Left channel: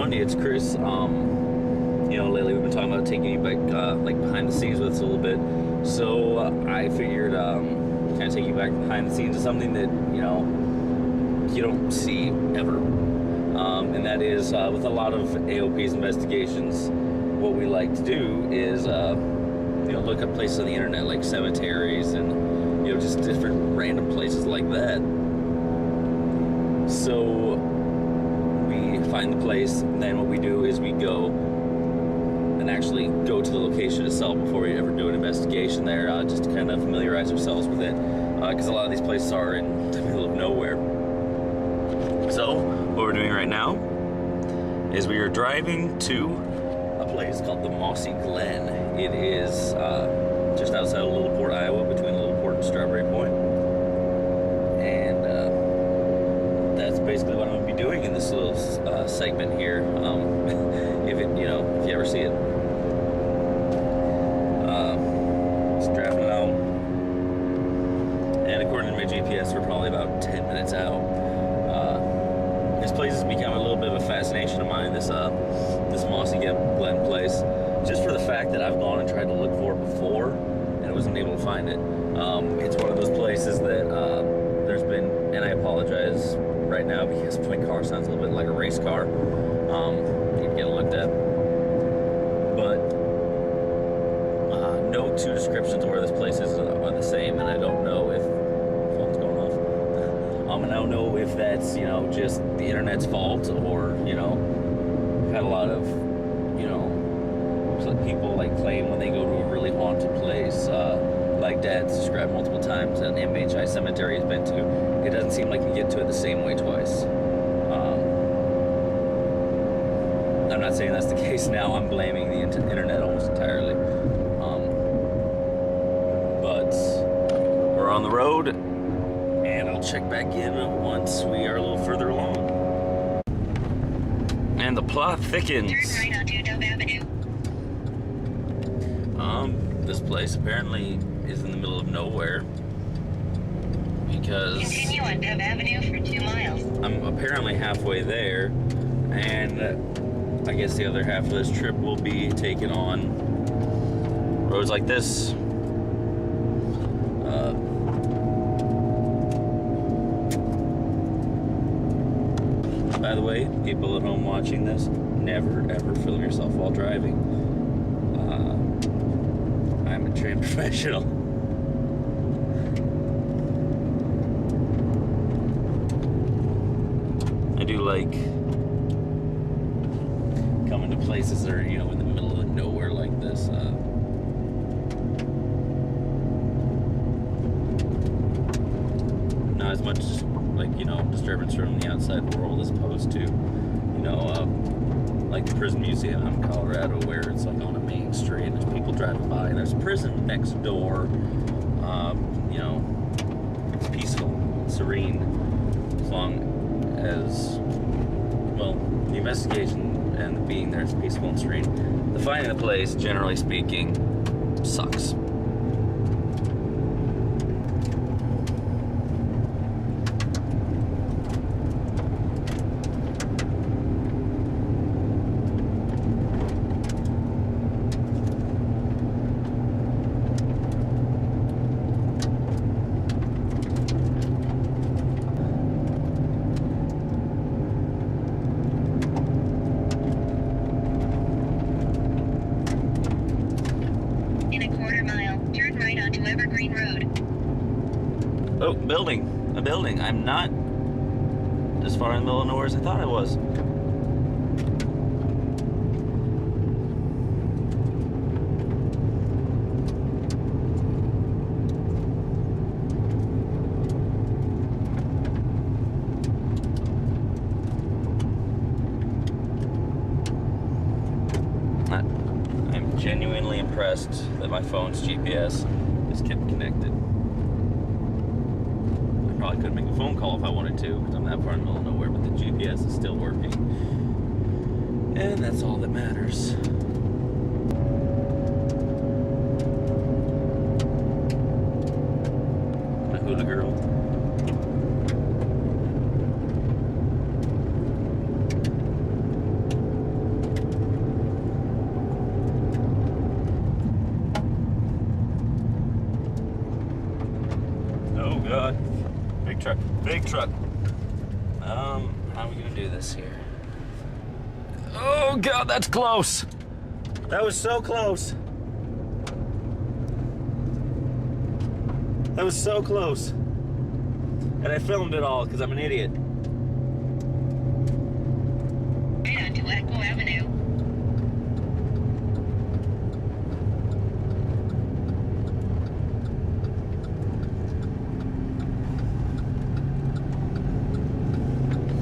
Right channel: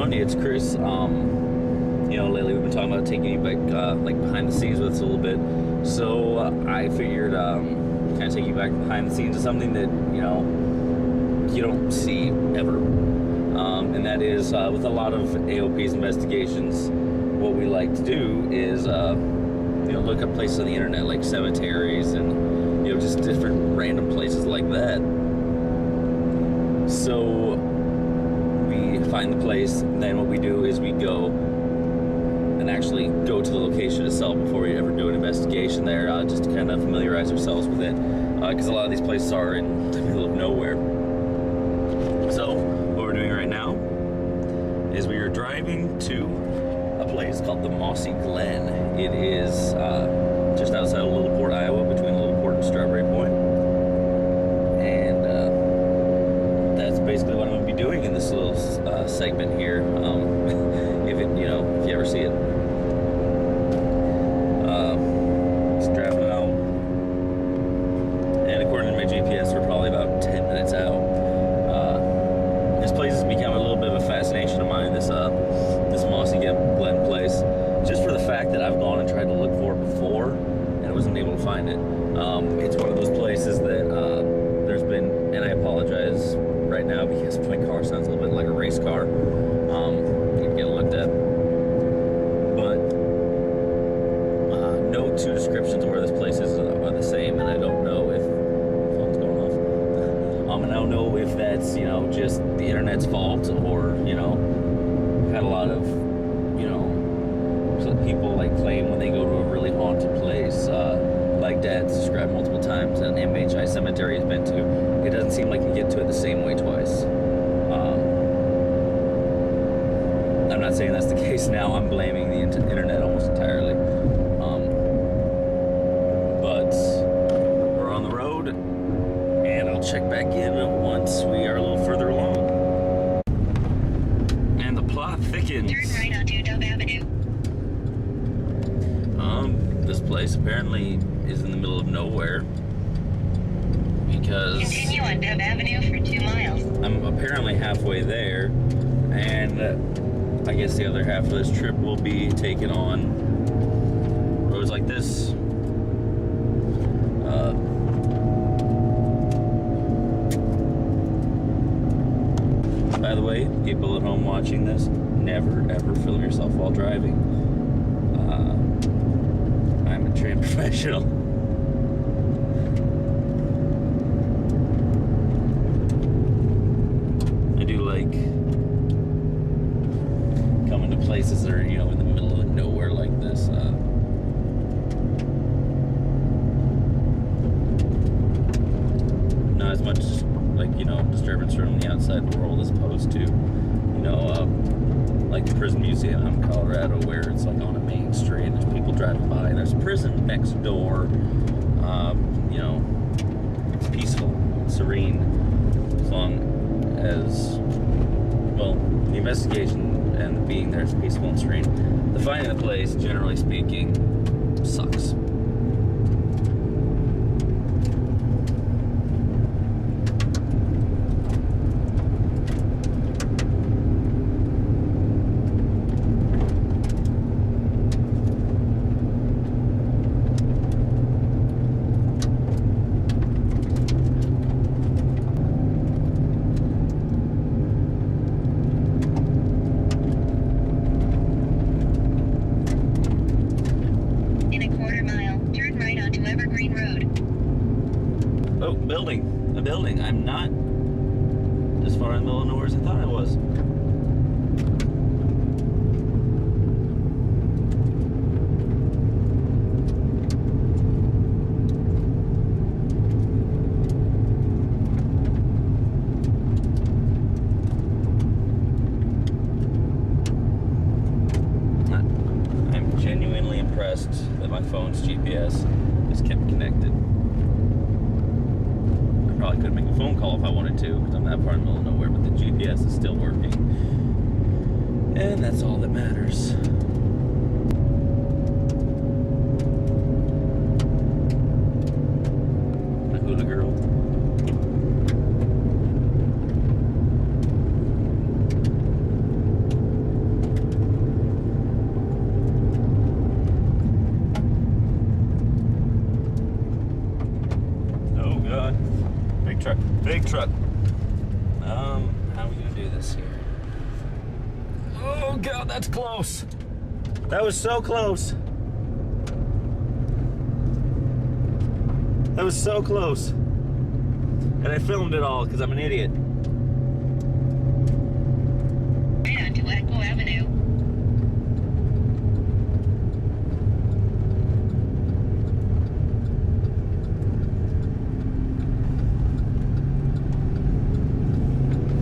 everyone, it's Chris. Lately we've been talking about taking you back, like behind the scenes with us a little bit. So I figured kind of take you back behind the scenes of something that you don't see ever, and that is with a lot of AOP's investigations. What we like to do is look up places on the internet like cemeteries and just different random places like that. So we find the place, and then what we do is we go and actually go to the location itself before we ever do an investigation there, just to kind of familiarize ourselves with it, because a lot of these places are in the middle of nowhere. So what we're doing right now is we are driving to a place called the Mossy Glen. It is just outside of Littleport, Iowa, between Littleport and Strawberry Point. And that's basically what I'm going to be doing in this little segment here. If you ever see it. Just driving out. And according to my GPS, we're probably about 10 minutes out. This place has become a little bit of a fascination of mine, this Mossy Glen place, just for the fact that I've gone and tried to look for it before and I wasn't able to find it. It's one of those places that there's been, and I apologize right now because my car sounds a little bit like a race car. Need to get it looked at. But no two descriptions of where this place is are the same, and I don't know if phone's going off. And I don't know if that's just the internet's fault, or had a lot of people like claim when they go to a really haunted place, like Dad's described multiple times, and MHI cemetery has been to. It doesn't seem like you get to it the same way twice. I'm not saying that's the case now. I'm blaming the internet almost entirely. But we're on the road, and I'll check back in once we are a little further along. And the plot thickens. Turn right onto Dove Avenue. This place apparently is in the middle of nowhere, because Continue on Dove Avenue for 2 miles. I'm apparently halfway there, and I guess the other half of this trip will be taken on roads like this. By the way, people at home watching this, never ever film yourself while driving. I'm a trained professional. I do like coming to places that are, in the middle of nowhere like this. Not as much like, disturbance from the outside world as opposed to, like the prison museum out in Colorado, where it's like on a main street and there's people driving by and there's a prison next door. It's peaceful, serene, as long as, the investigation and the being there is peaceful and serene. The finding the place, generally speaking, sucks. A building. I'm not as far in the middle of nowhere as I thought I was. I'm genuinely impressed that my phone's GPS is kept connected. Probably could make a phone call if I wanted to, because I'm that far in the middle of nowhere, but the GPS is still working. And that's all that matters. A hula girl. God. Big truck. Big truck. How are we gonna do this here? Oh God, that's close. That was so close. That was so close. And I filmed it all because I'm an idiot. Right onto Echo Avenue.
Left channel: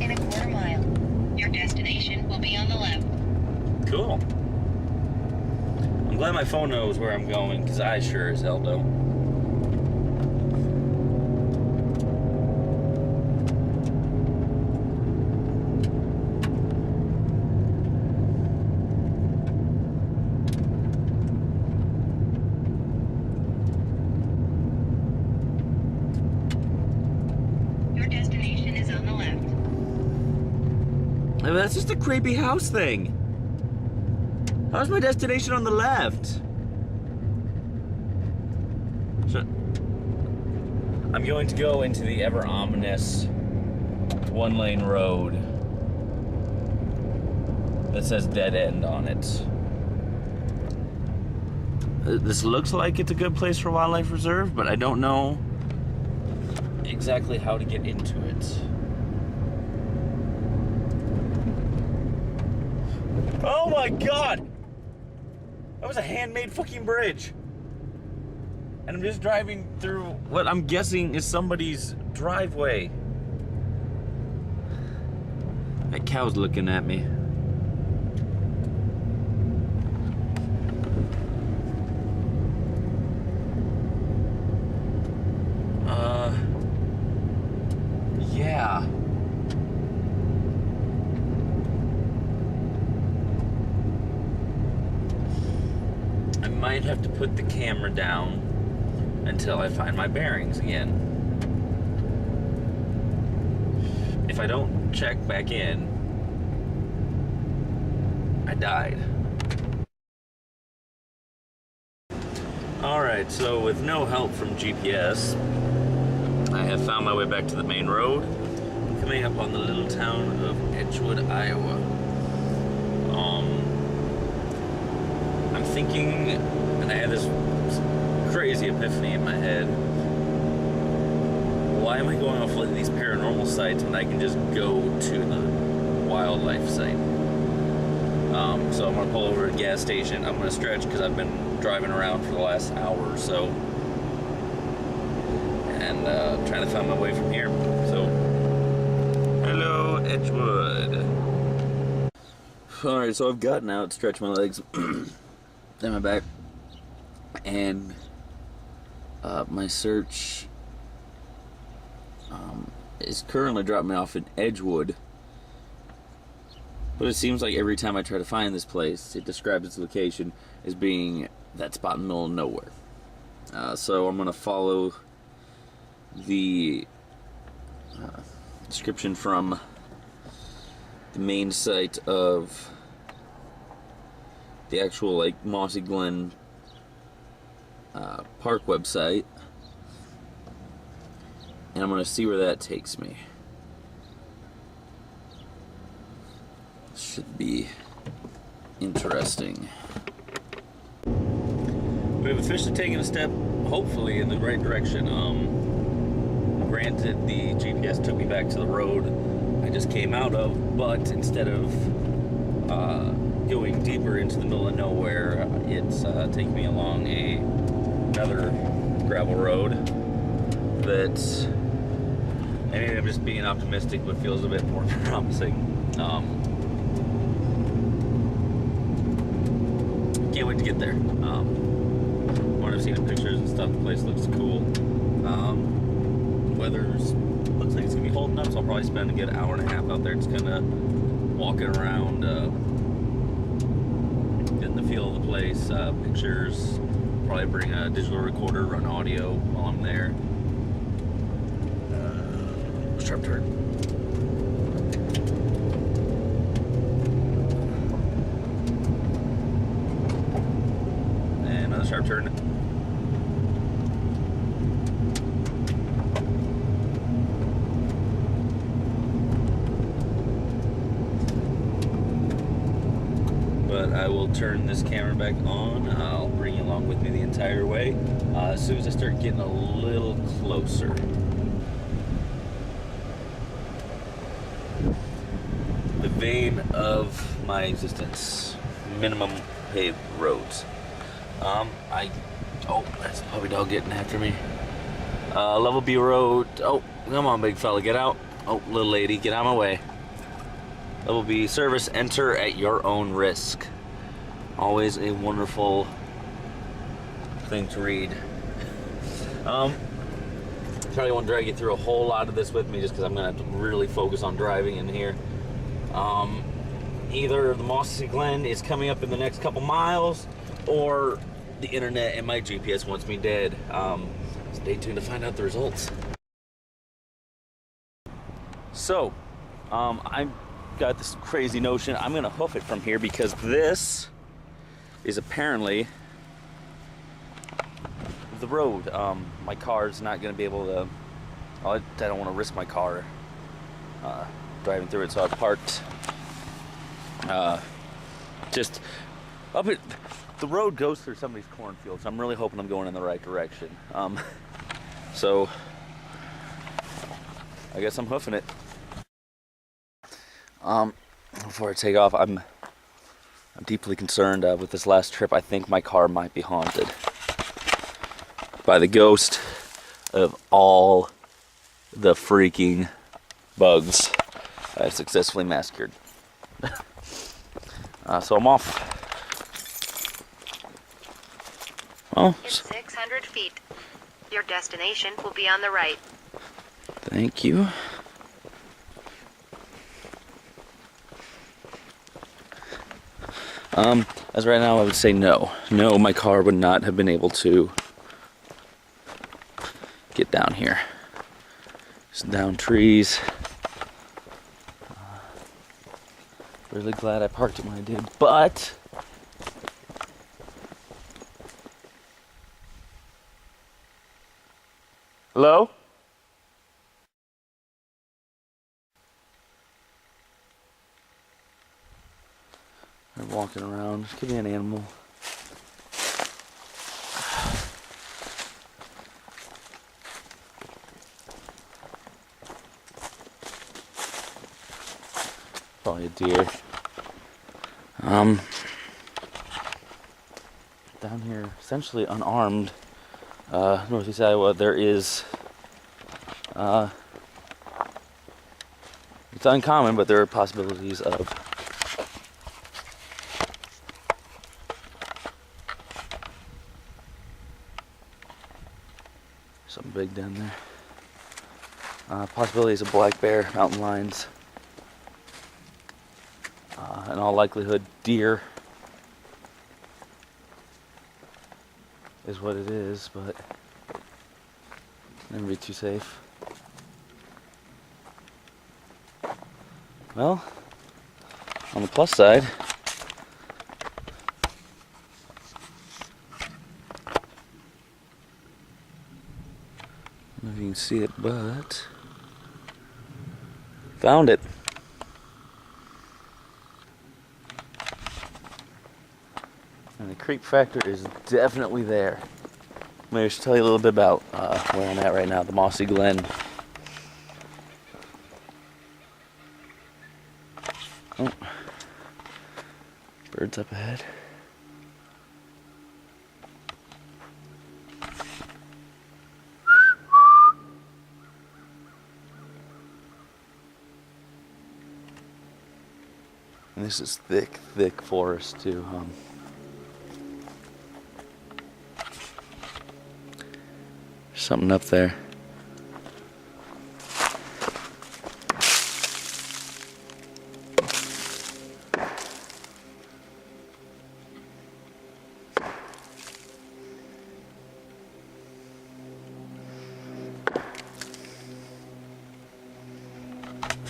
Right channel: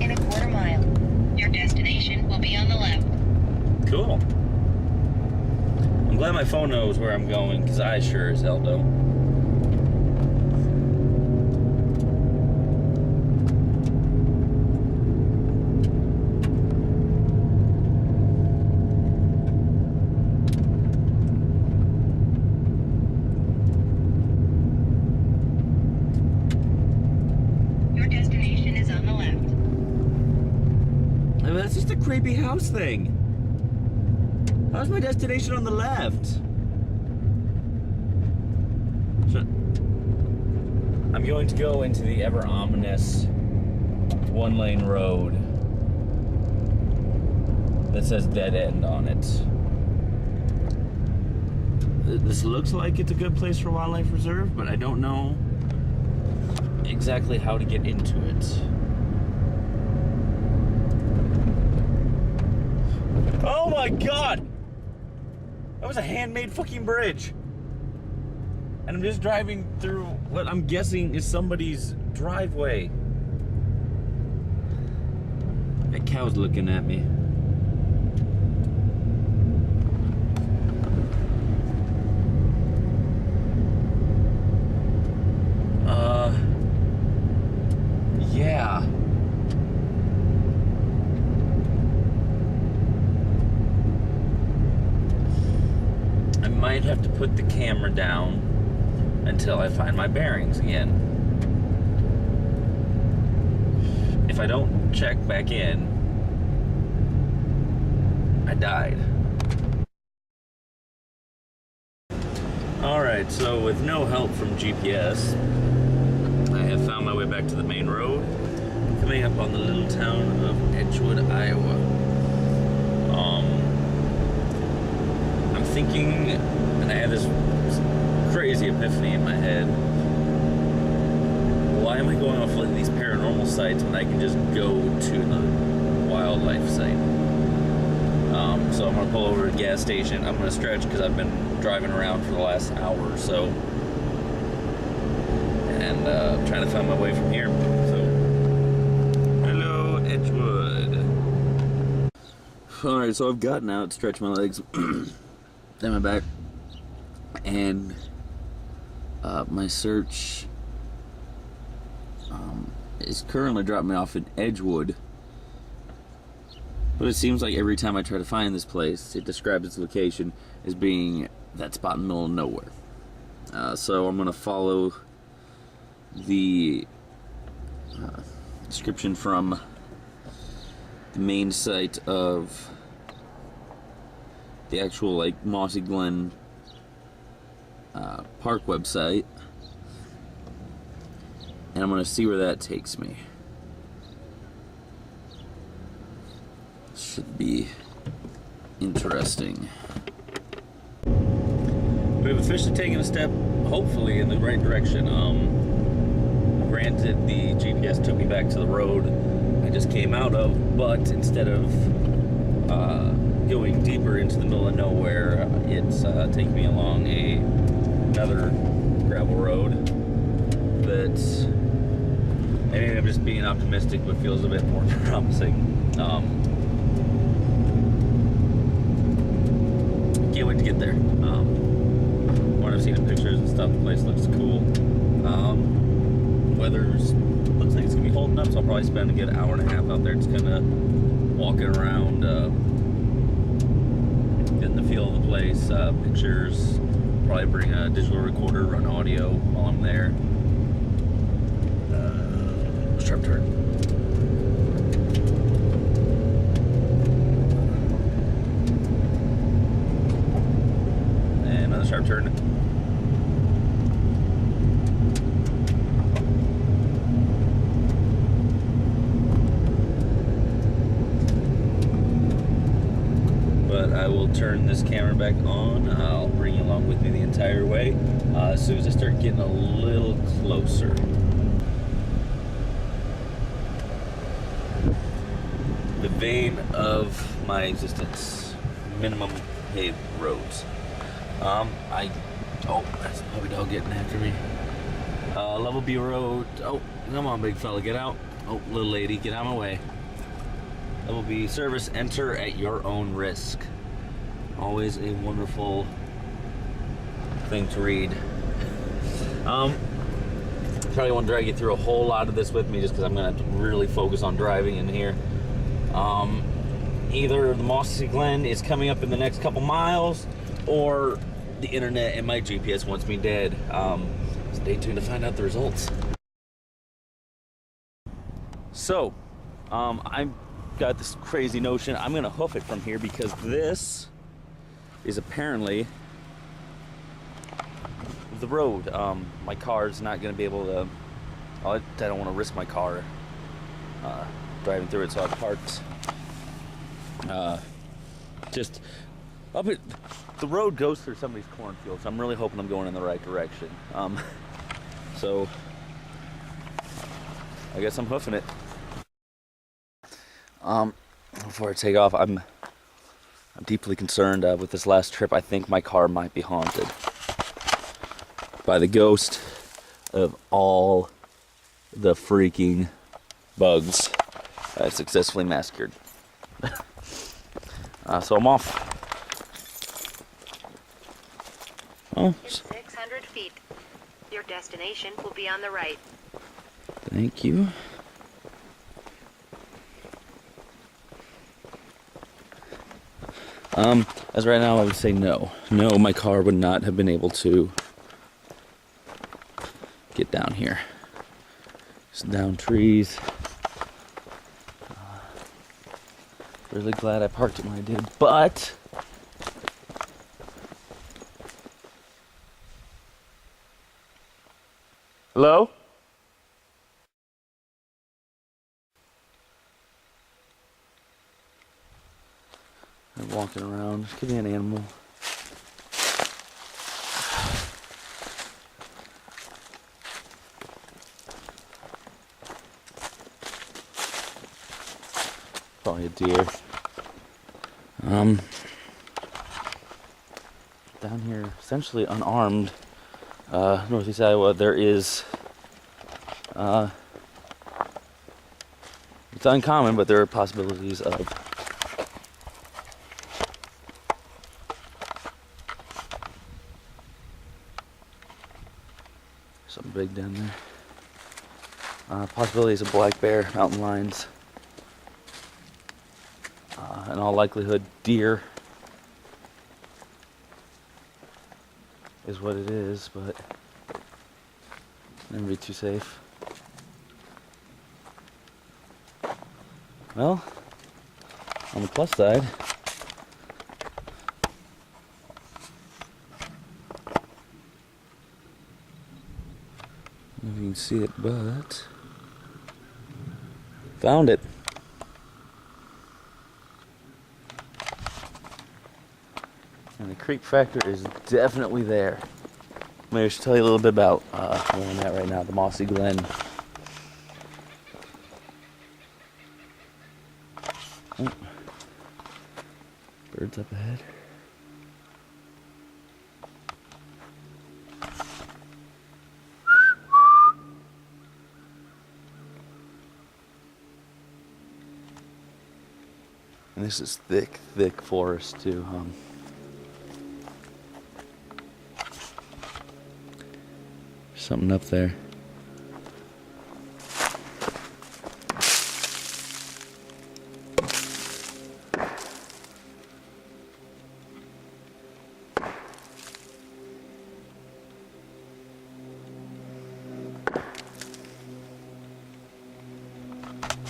In a quarter mile, your destination will be on the left. Cool. I'm glad my phone knows where I'm going because I sure as hell don't. That's just a creepy house thing. How's my destination on the left? So, I'm going to go into the ever ominous one-lane road that says dead end on it. This looks like it's a good place for wildlife reserve, but I don't know exactly how to get into it. Oh my God! That was a handmade fucking bridge. And I'm just driving through what I'm guessing is somebody's driveway. That cow's looking at me. Yeah. I might have to put the camera down until I find my bearings again. If I don't check back in, I died. Alright, so with no help from GPS, I have found my way back to the main road, coming up on the little town of Edgewood, Iowa. I'm thinking, and I had this crazy epiphany in my head, why am I going off like these paranormal sites when I can just go to the wildlife site? So I'm gonna pull over at a gas station. I'm gonna stretch because I've been driving around for the last hour or so, and trying to find my way from here. So, hello, Edgewood. Alright, so I've gotten out, stretched my legs, and my back, and my search is currently dropping me off in Edgewood. But it seems like every time I try to find this place, it describes its location as being that spot in the middle of nowhere. So I'm going to follow the description from the main site of the actual like Mossy Glen park website, and I'm going to see where that takes me. Should be interesting. We have officially taken a step, hopefully, in the right direction. Granted, the GPS took me back to the road I just came out of, but instead of going deeper into the middle of nowhere, it's taking me along another gravel road that, maybe I'm just being optimistic, but feels a bit more promising. Can't wait to get there. What I've seen in pictures and stuff, the place looks cool. Weather's looks like it's gonna be holding up, so I'll probably spend a good hour and a half out there just kind of walking around, getting the feel of the place, pictures. Probably bring a digital recorder, run audio while I'm there. Sharp turn. And another sharp turn. I will turn this camera back on. I'll bring you along with me the entire way as soon as I start getting a little closer. The vein of my existence, minimum paved roads. Oh, that's the puppy dog getting after me. Level B road. Oh, come on, big fella, get out. Oh, little lady, get out of my way. Level B service, enter at your own risk. Always a wonderful thing to read. Probably won't drag you through a whole lot of this with me just because I'm gonna have to really focus on driving in here. Either the Mossy Glen is coming up in the next couple miles, or the internet and my GPS wants me dead. Stay tuned to find out the results. So, I've got this crazy notion. I'm gonna hoof it from here because this is apparently the road. My car's not gonna be able to. I don't want to risk my car driving through it, so I've parked just up it. The road goes through somebody's cornfield, so I'm really hoping I'm going in the right direction. So I guess I'm hoofing it. Before I take off, I'm deeply concerned with this last trip. I think my car might be haunted by the ghost of all the freaking bugs I've successfully massacred. So I'm off. Oh, in 600 feet. Your destination will be on the right. Thank you. As right now, I would say no. No, my car would not have been able to get down here. Just down trees. Really glad I parked it when I did, but hello? I'm walking around. Could be an animal. Probably a deer. Down here, essentially unarmed, northeast Iowa, there is, it's uncommon, but there are possibilities of something big down there. Possibilities of black bear, mountain lions, in all likelihood, deer is what it is, but never be too safe. Well, on the plus side, I don't know if you can see it, but found it. And the creep factor is definitely there. Maybe I should tell you a little bit about where I'm at right now, the Mossy Glen. Oh. Birds up ahead. And this is thick, thick forest too. Something up there.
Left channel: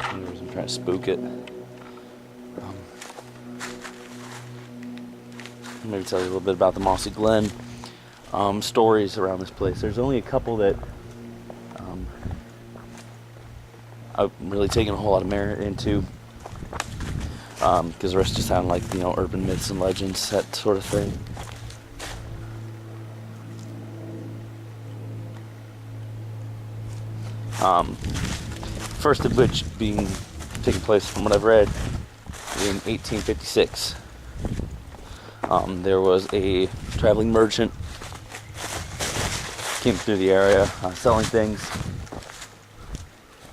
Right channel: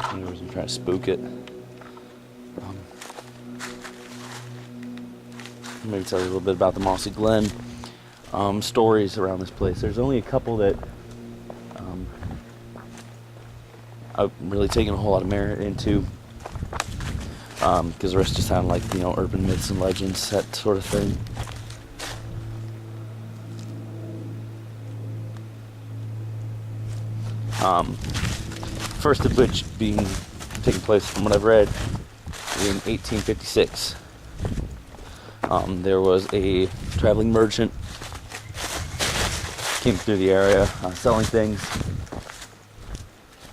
I'm trying to spook it. Maybe tell you a little bit about the Mossy Glen. Stories around this place. There's only a couple that I've really taken a whole lot of merit into. because the rest just sound like, you know, urban myths and legends, that sort of thing. First of which taking place, from what I've read, in 1856. There was a traveling merchant came through the area selling things,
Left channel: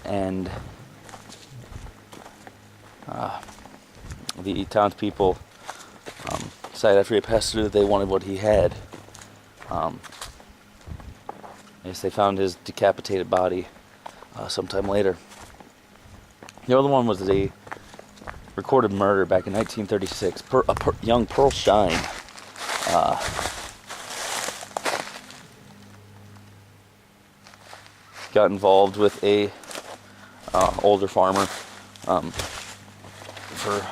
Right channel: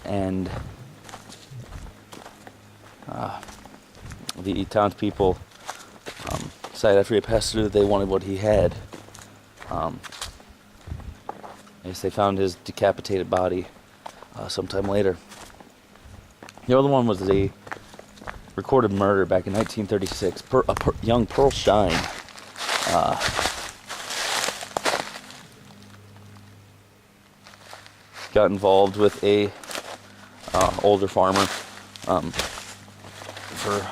and the townspeople decided after he passed through that they wanted what he had. I guess they found his decapitated body sometime later. The other one was a recorded murder back in 1936. Young Pearl Shine got involved with a older farmer for,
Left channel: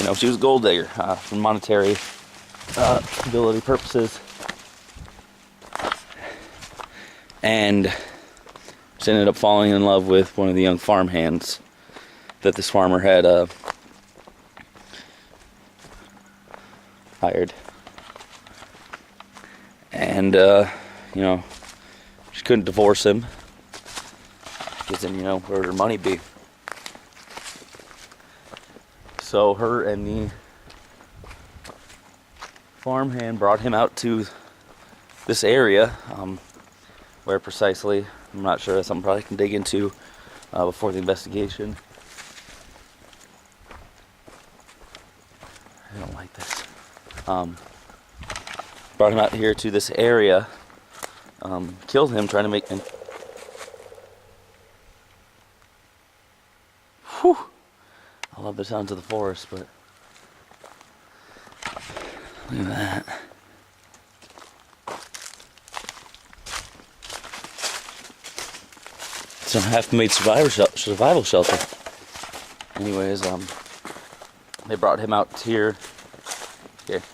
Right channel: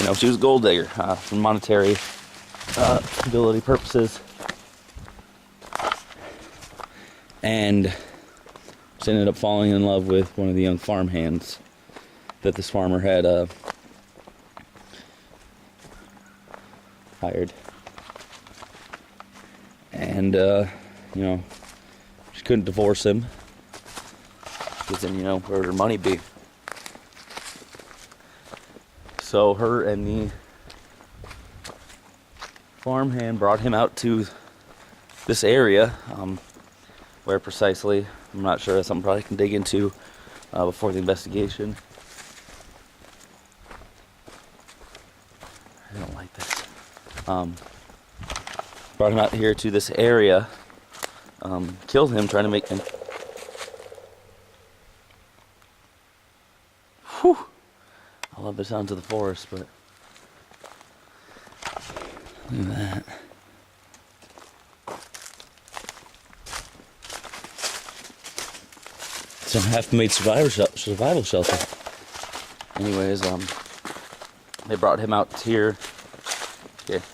you know, she was a gold digger for monetary stability purposes, and she ended up falling in love with one of the young farmhands that this farmer had hired. And, you know, she couldn't divorce him, because then, you know, where would her money be? So her and the farmhand brought him out to this area, where precisely, I'm not sure. That's something probably can dig into before the investigation. I don't like this. Brought him out here to this area, killed him, trying to make him. Whew. I love the sounds of the forest, but look at that. Some half-made survival shelter. Anyways, they brought him out here. Okay.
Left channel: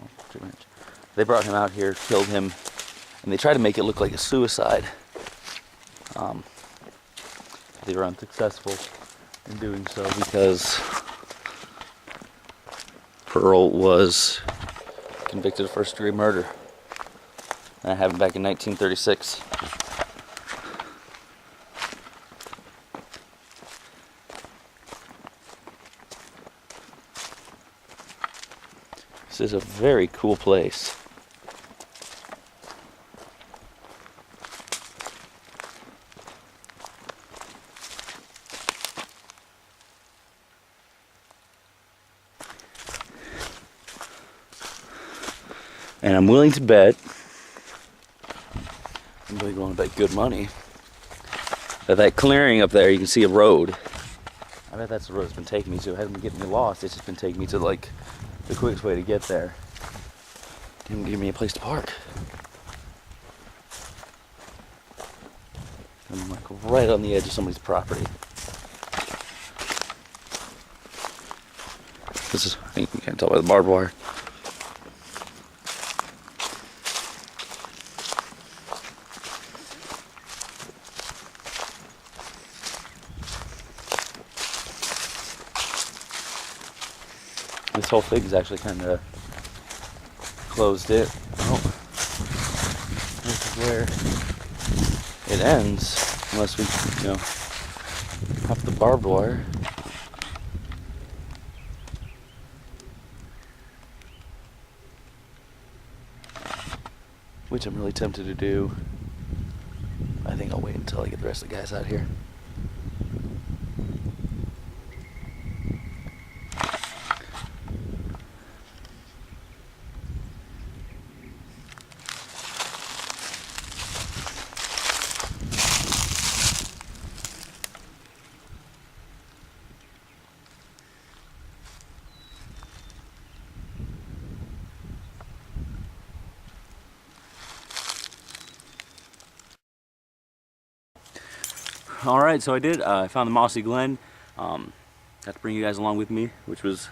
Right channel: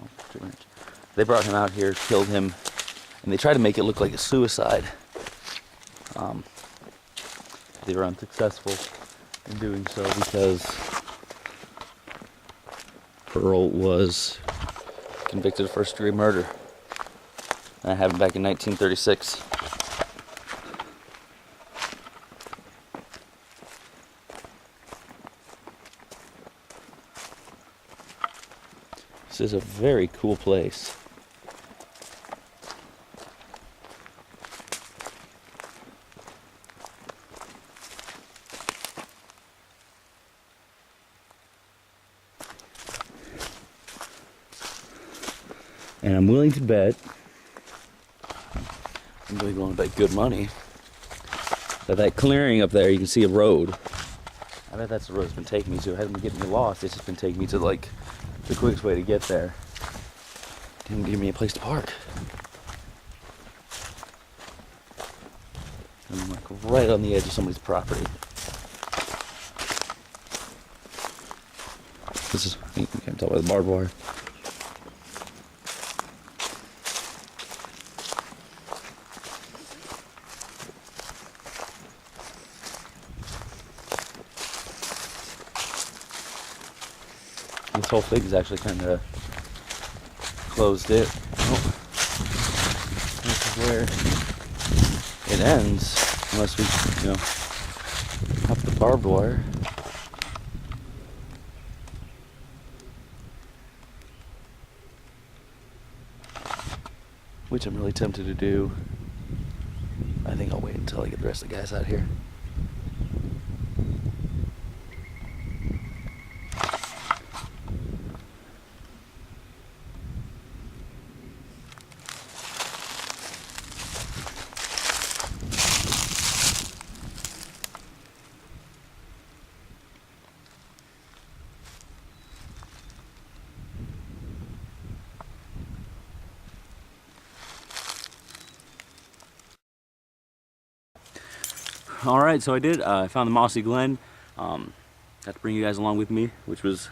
Oh, too much. They brought him out here, killed him, and they tried to make it look like a suicide. They were unsuccessful in doing so because Pearl was convicted of first-degree murder. And that happened back in 1936. This is a very cool place. And I'm willing to bet, I'm really willing to bet good money, that clearing up there, you can see a road. I bet that's the road it's been taking me to. It hasn't been getting me lost, it's just been taking me to, like, the quickest way to get there. Didn't give me a place to park. I'm like right on the edge of somebody's property. This is, I think you can't tell by the barbed wire. This whole thing is actually kind of closed in. Oh, this is where it ends, unless we, you know, hop the barbed wire. Which I'm really tempted to do. I think I'll wait until I get the rest of the guys out here. Alright, so I did. I found the Mossy Glen. Got to bring you guys along with me, which was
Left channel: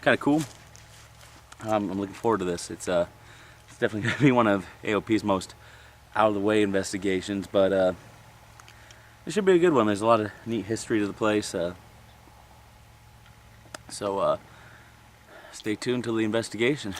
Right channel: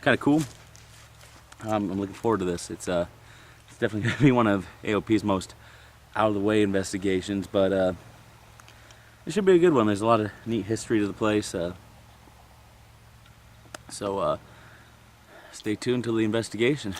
kind of cool. I'm looking forward to this. It's definitely going to be one of AOP's most out-of-the-way investigations, but it should be a good one. There's a lot of neat history to the place. So stay tuned to the investigation.